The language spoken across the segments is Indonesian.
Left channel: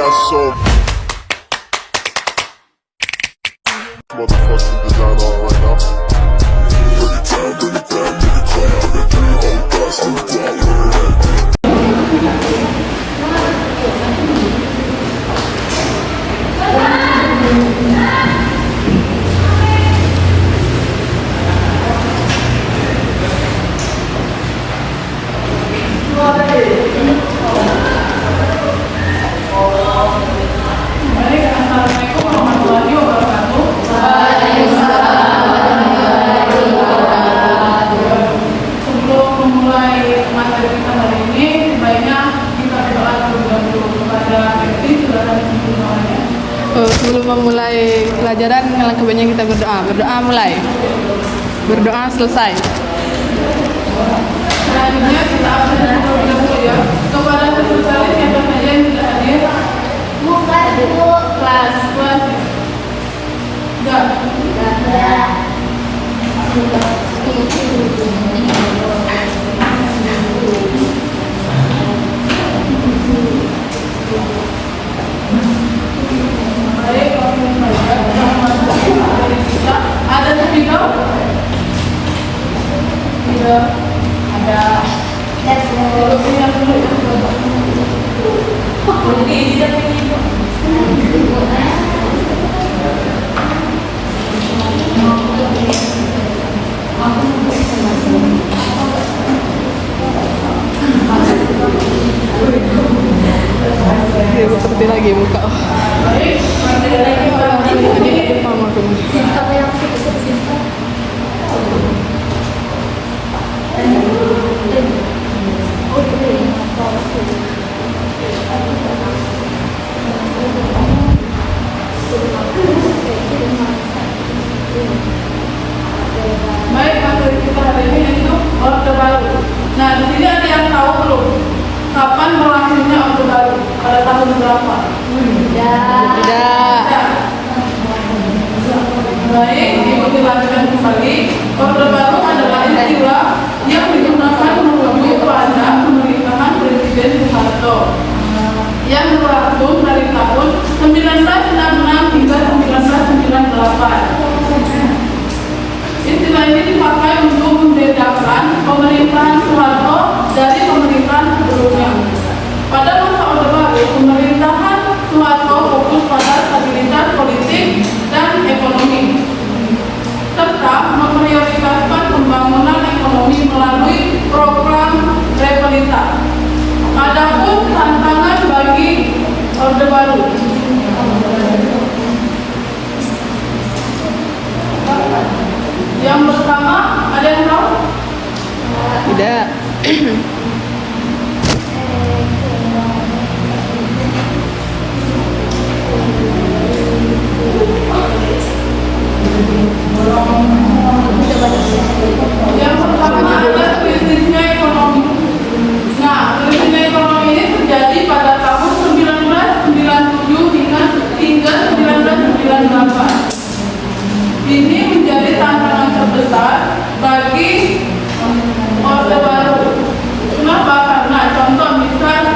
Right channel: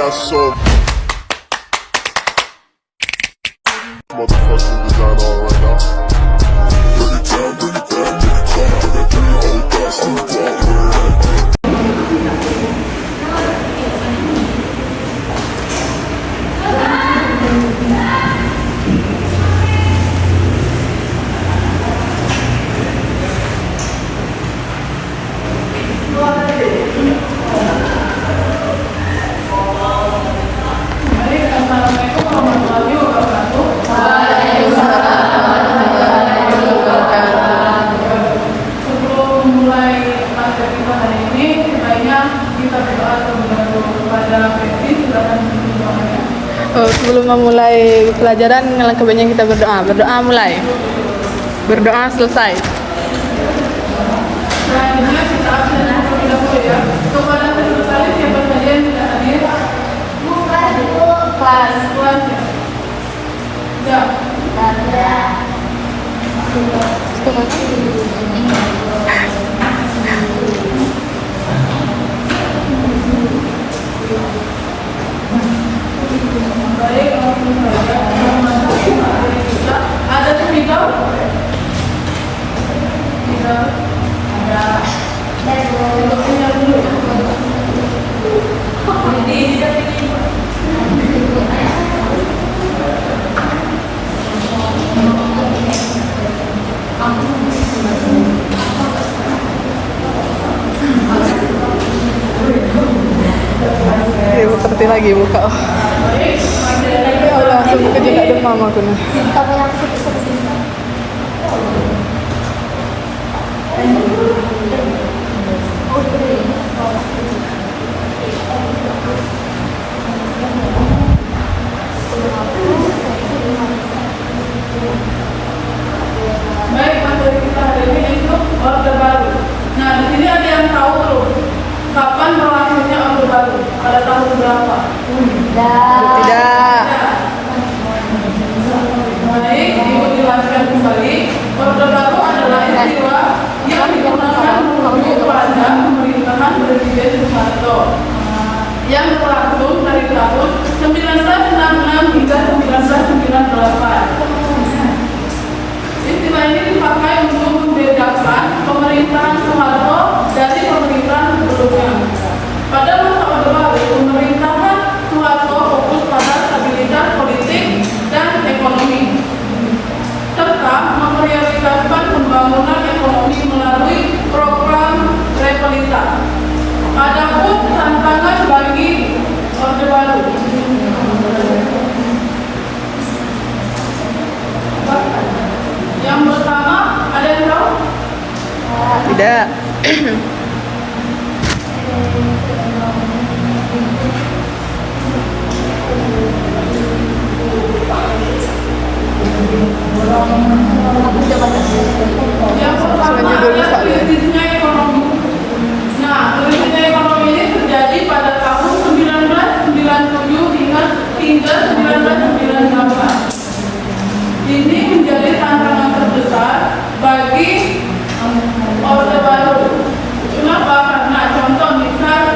got so motherfucking design on right now. Bring it down, bring it down, bring it down. I got 3 old thoughts, I'm sebelum memulai pelajaran, alangkah baiknya kita berdoa. Berdoa mulai. Berdoa selesai. Selanjutnya kita akan berdoa kepada seluruh siapa saja yang tidak hadir. Kelas. Enggak. Ada speaker? Tidak. Ada. Seperti lagi buka. Langsung ketika demam aku nih. Baik, materi kita hari ini itu Orde Baru. Nah, di sini ada yang tahu belum? Kapan berlangsungnya Orde Baru? Pada tahun berapa? Tidak. Baik, Ibu jelaskan kembali. Orde Baru adalah istilah yang digunakan merujuk pada pemerintahan Presiden Soeharto yang berlangsung dari tahun 1966 hingga 1998. Istilah ini dipakai untuk membedakan pemerintahan Soeharto dari pemerintahan sebelumnya. Pada masa Orde Baru, pemerintahan Soeharto fokus pada stabilitas politik dan ekonomi, serta memprioritaskan pembangunan ekonomi melalui program Repelita. Adapun tantangan bagi Orde Baru, yang pertama, ada yang tahu? Tidak. Yang pertama adalah kritisnya ekonomi. Nah, kritisnya ekonomi ini terjadi pada tahun 1997 hingga 1998. Ini menjadi tantangan terbesar bagi Orde Baru. Kenapa? Karena contoh misalnya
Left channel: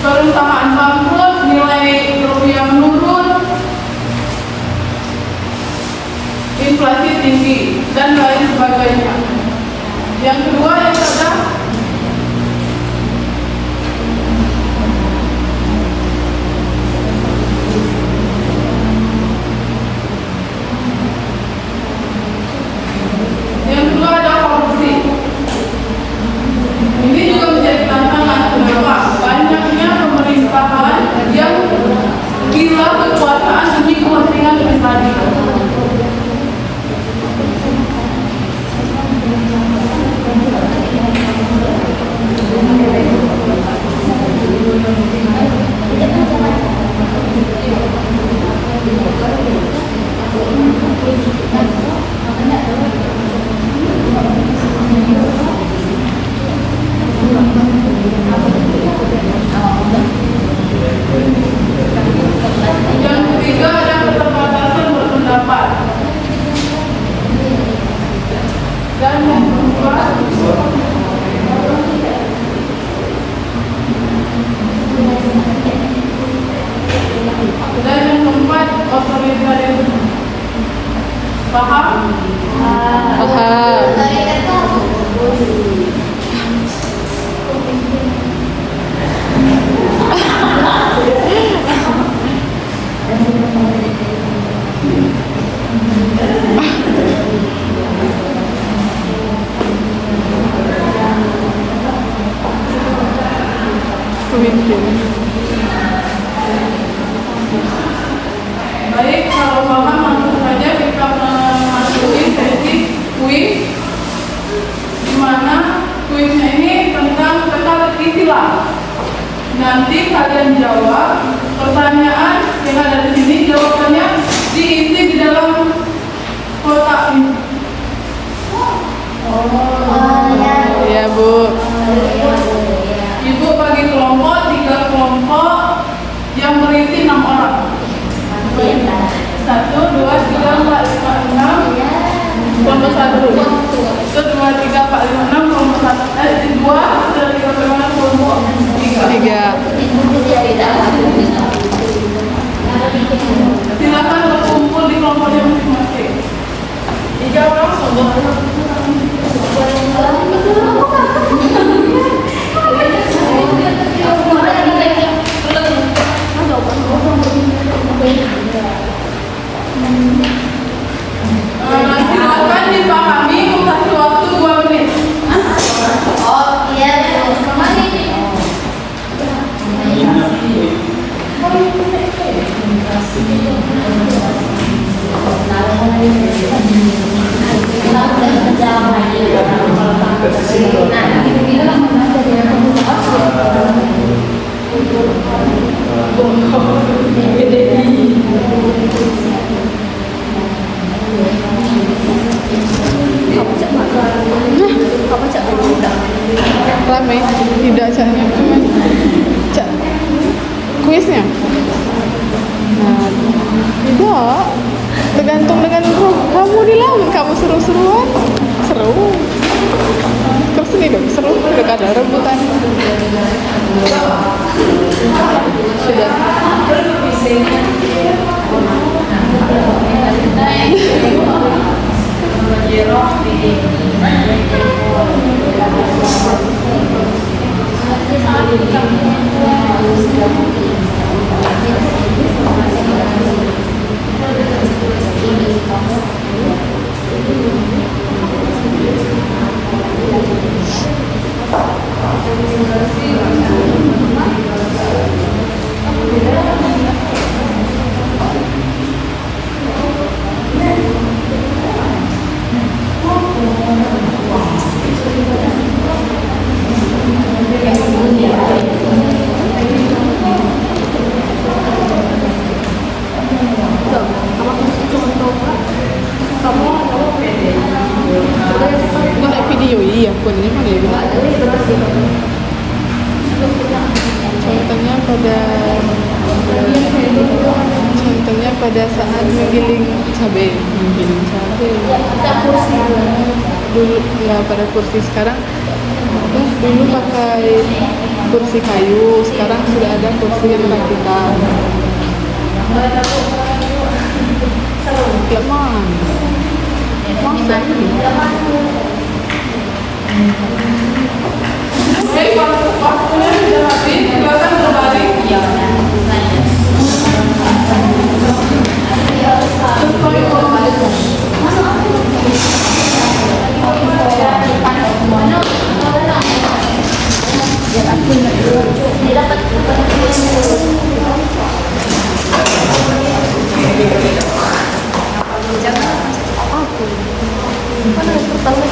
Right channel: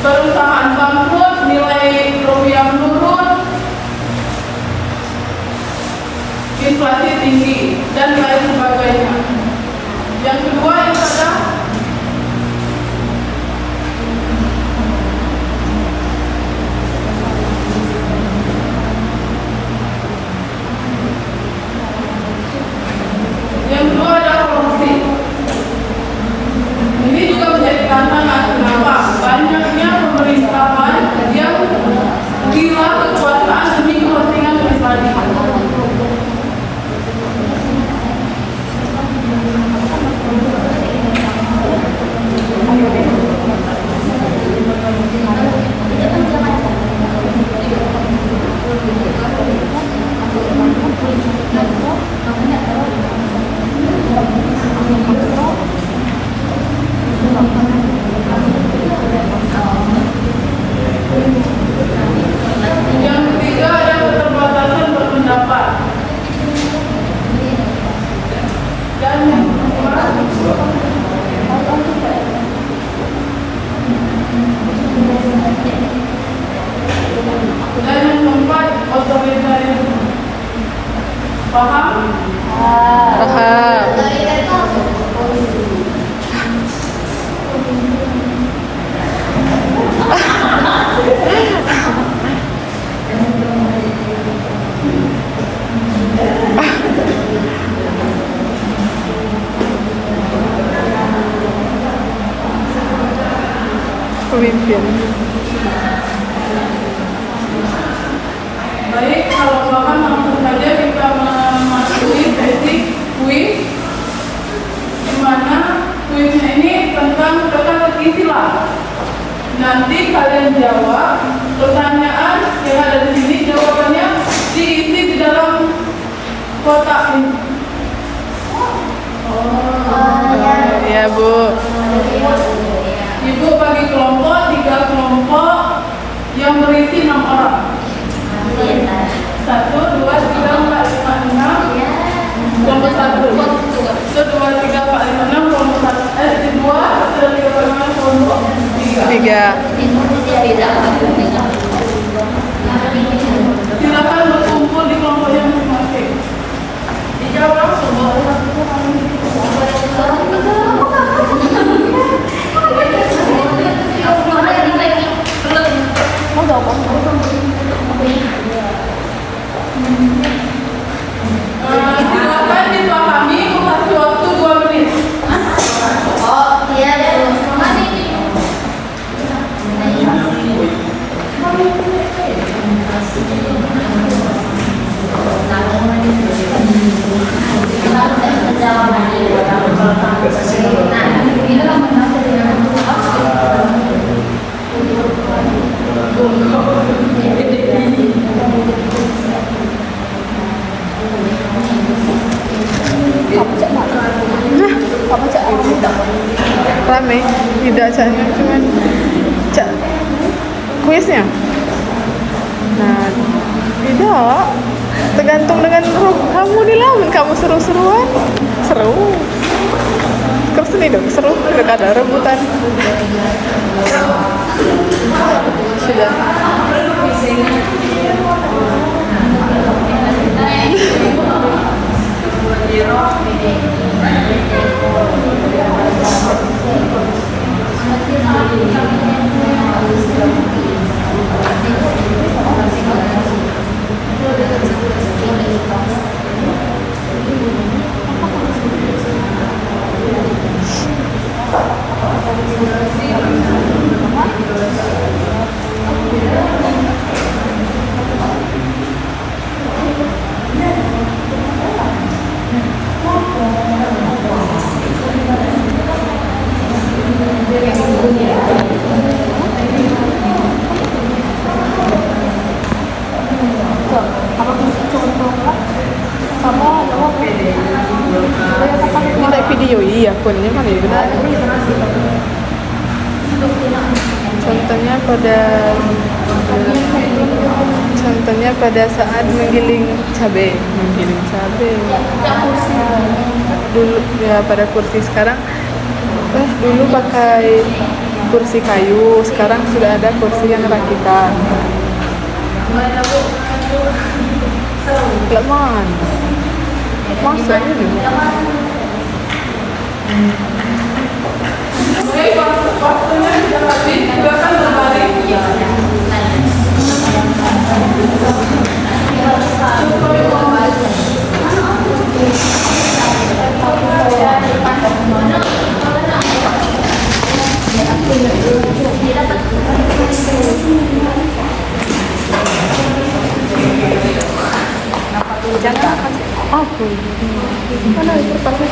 perusahaan bangkrut, nilai rupiah menurun, inflasi tinggi, dan lain sebagainya. Yang kedua yang ada korupsi. Ini juga menjadi tantangan. Kenapa? Banyaknya pemerintahan yang gila kekuasaan demi kepentingan pribadi. Paham? Paham. Pemimpin. Baik, kalau paham langsung saja kita memasuki sesi kuis, di mana kuisnya ini tentang teka-teki silang. Nanti kalian jawab pertanyaan yang ada di sini, jawabannya diisi di dalam kotak ini. Ya, Bu. Ibu bagi kelompok, 3 kelompok yang berisi 6 orang. 1, 2, 3, 4, 5, 6. Kelompok 1 dulu. 1, 2, 3, 4, 5, 6. Kelompok 1. 2, 3, 4, 5, kelompok 3. 3. Silakan berkumpul di kelompoknya masing-masing. Dijawab semua. Silakan dipahami, kasih waktu 2 menit. Rame. Tidak saya. Cuman cak kuisnya. Nah, tidak. Tergantung dengan kamu dilawan. Kamu seru-seruan. Seru. Terus ini dong, seru. Udah ada rebutan. Sudah. Ini video iya, akunnya mana ya benar? Contohnya pada saat menggiling cabai. Dulu ya pada kursi, sekarang dulu pakai kursi kayu, sekarang sudah ada kursi yang rakitan. Lemah. Masa ini? Oke, kalau waktunya sudah habis, silakan berbalik. Jangan apa sih? Mana kertasnya?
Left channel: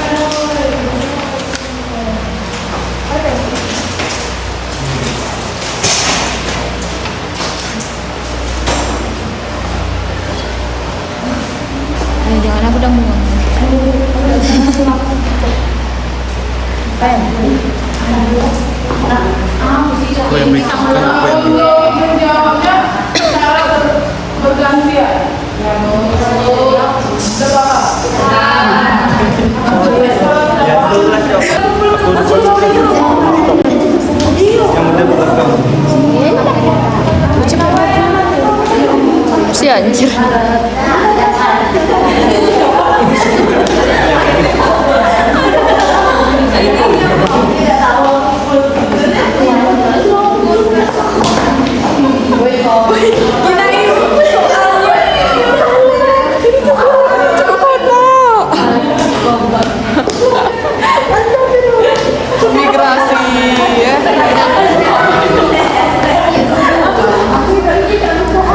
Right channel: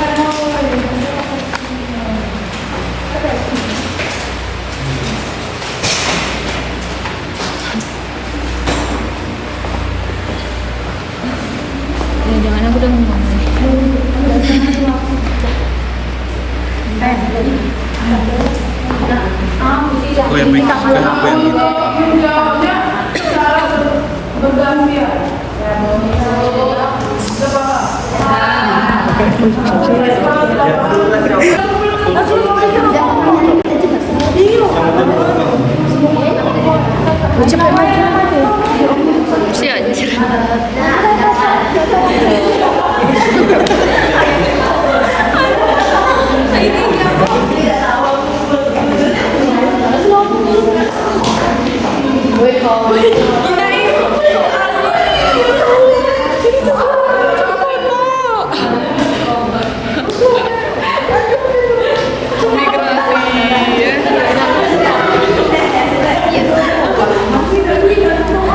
Ya, jangan aku udah ngomong. Aku yang bikin, kan aku yang bikin. Untuk menjawabnya secara bergantian. Si anjir. Migrasi ya.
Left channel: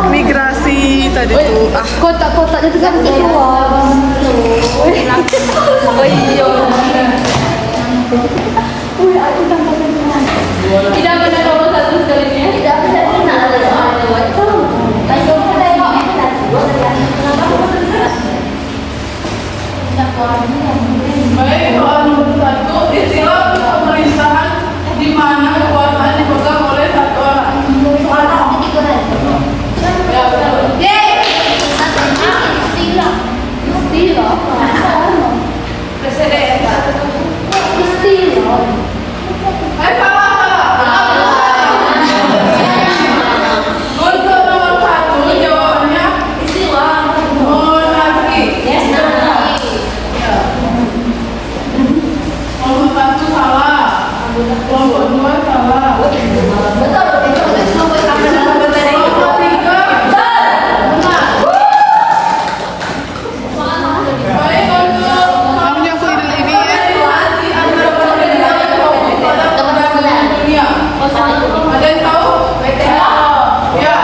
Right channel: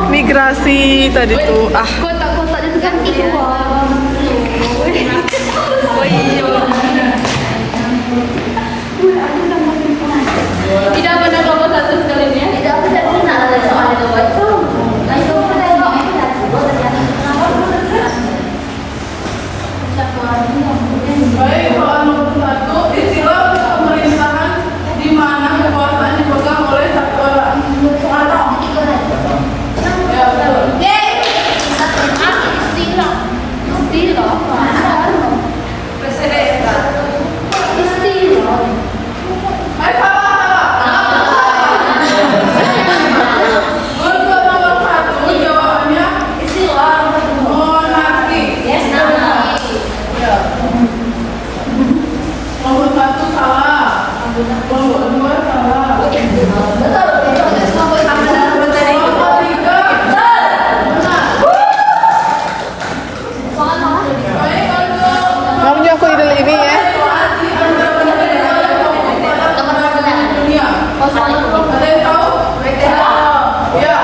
Migrasi tadi tuh Kotak-kotaknya itu kan oh iya. Tidak ada kalau satu sekali ya. Tidak ada ada soal itu. Dan coba tengok Baik, soal nomor 1, istilah pemerintahan di mana kekuasaan dipegang oleh satu orang. Ya, betul. Hai, salah. Untuk nomor 1, jawabannya monarki. Ya. Nomor 1 salah. Nomor 2 salah. Nomor 3 benar. Baik, untuk namanya aku ini ya. dunia. Ada yang tahu? Ya.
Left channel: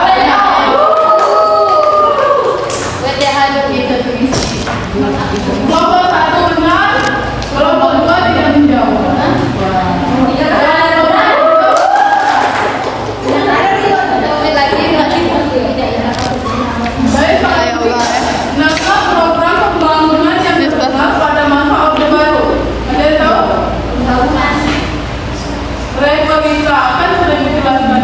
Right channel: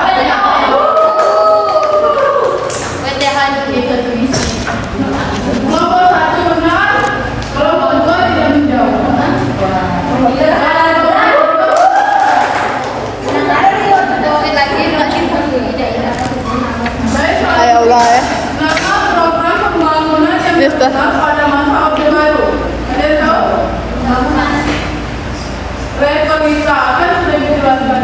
Nomor 1 benar, nomor 2 tidak menjawab. Baik, Ya Allah ya. nama program pembangunan yang Yes, Pak. dilakukan pada masa Orde Baru. Ada yang tahu? Republika kan sudah dijelaskan.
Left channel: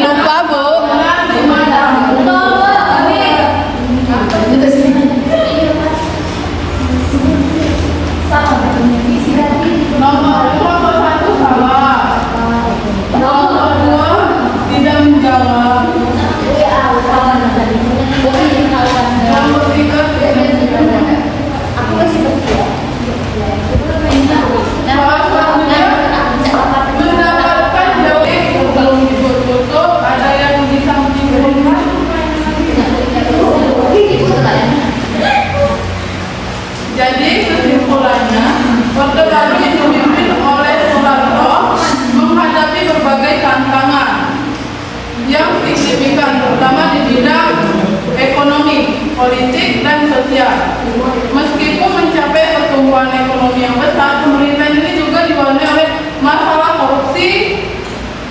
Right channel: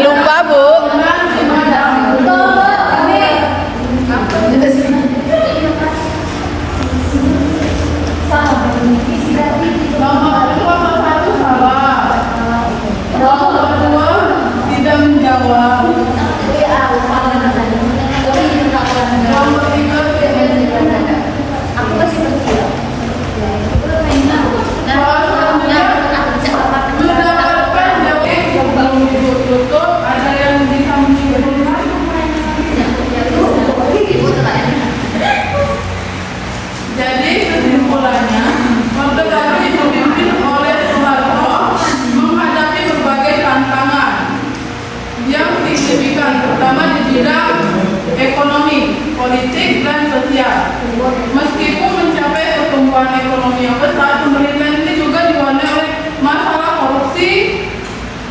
Lupa Bu. Benar, di mana? Nomor 1 salah. Nomor 2 tidak menjawab. Nomor 3 tidak menjawab. Soal selanjutnya mendapatkan join sebelum ditutup. Ada yang bisa menyimpulkan? Jadi kesimpulannya, Orde Baru dipimpin oleh Soeharto menghadapi berbagai tantangan yang signifikan, terutama di bidang ekonomi, politik, dan sosial. Meskipun mencapai pertumbuhan ekonomi yang besar, pemerintahan ini juga diwarnai oleh masalah korupsi,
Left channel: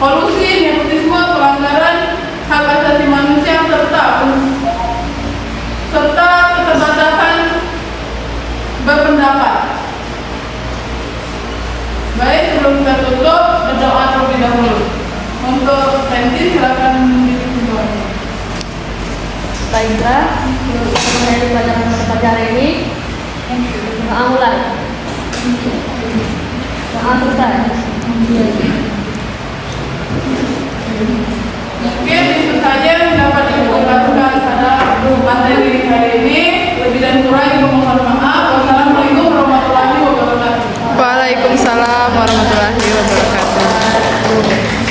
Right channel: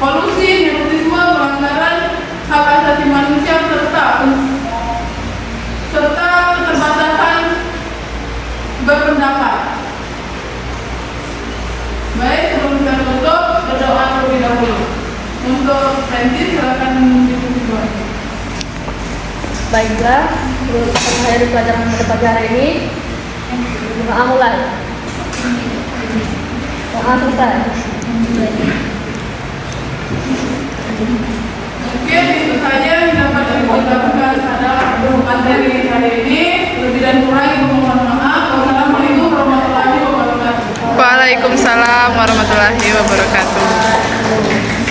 kolusi, nepotisme, pelanggaran hak asasi manusia, serta keterbatasan berpendapat. Baik, sebelum saya tutup, berdoa terlebih dahulu. Untuk Fenty, silakan mengikuti doanya. Baiklah, daripada pada hari ini, maafkan. Mungkin itu saja yang dapat Ibu lakukan pada materi hari ini. Lebih dan kurang Ibu mohon maaf. Wassalamualaikum warahmatullahi wabarakatuh. Waalaikumsalam warahmatullahi wabarakatuh.